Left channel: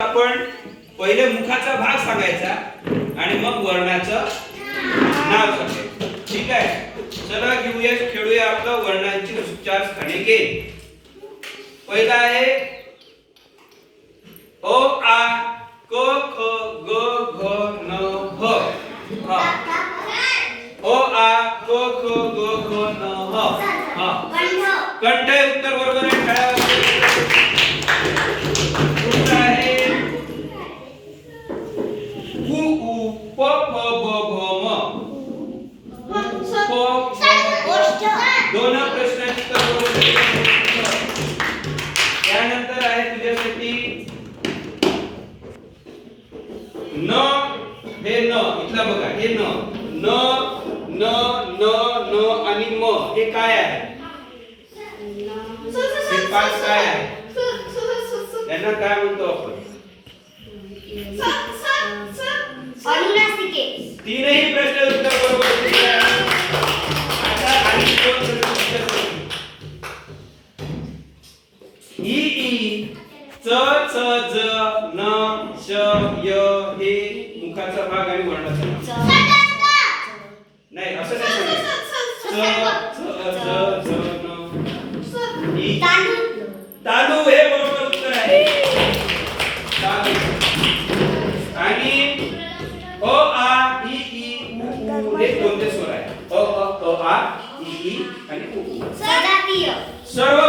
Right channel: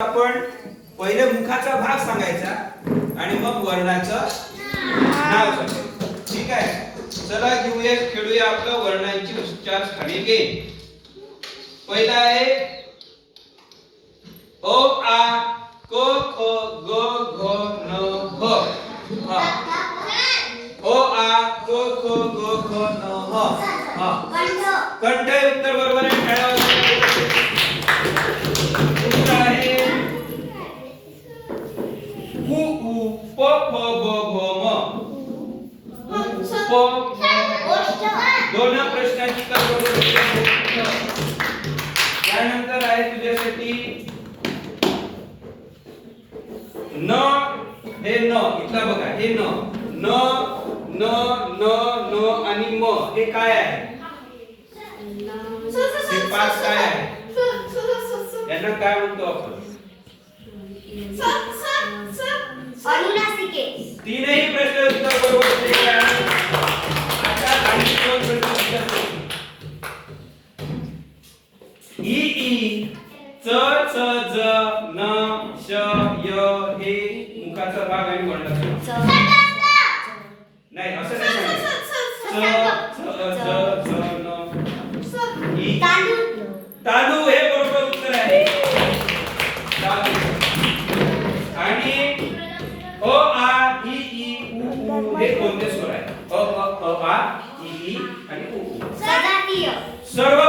आपण पहिले मुखाचा भाग सांगायचा आणि मग वर्णाचं नाव सांगायचं. ठीक आहे, चला घेऊया खेळूया आपला वर्णांची उच्चार स्थानिके. पहिला आहे ओ आ क ख ग घ न ह. हा, ओ आ क ख ग घ न ह. हा, कंठ हे उत्तर बरोबर आहे. दुसरा आहे उ उ प प ब भ म. दोन प्रश्नाची त्यानंतर आहे तुझ्यासाठी न. हे न इथला बघा, हे न न न न न आणि म हे काय आहे? हे पाच काय आहे? यांना काय म्हणतो आपण? अनुनासिके. तीनही प्रश्न उत्तर बरोबर दिले आहे. आता आणखी दोन प्रश्न विचारतो. ई ई च च ज न श य हे मुखाचा भाग आणि वर्णाचा भाग. नाही असं नाही सांगायचं. च च ज ज न ई. तांदूळ हे बरोबर उत्तर आहे. तांदूळ. आणि अ आ इ ई उ हे कोणते स्वर आहे? अ अ आ इ ई आणि उ. सजातीय. सर्व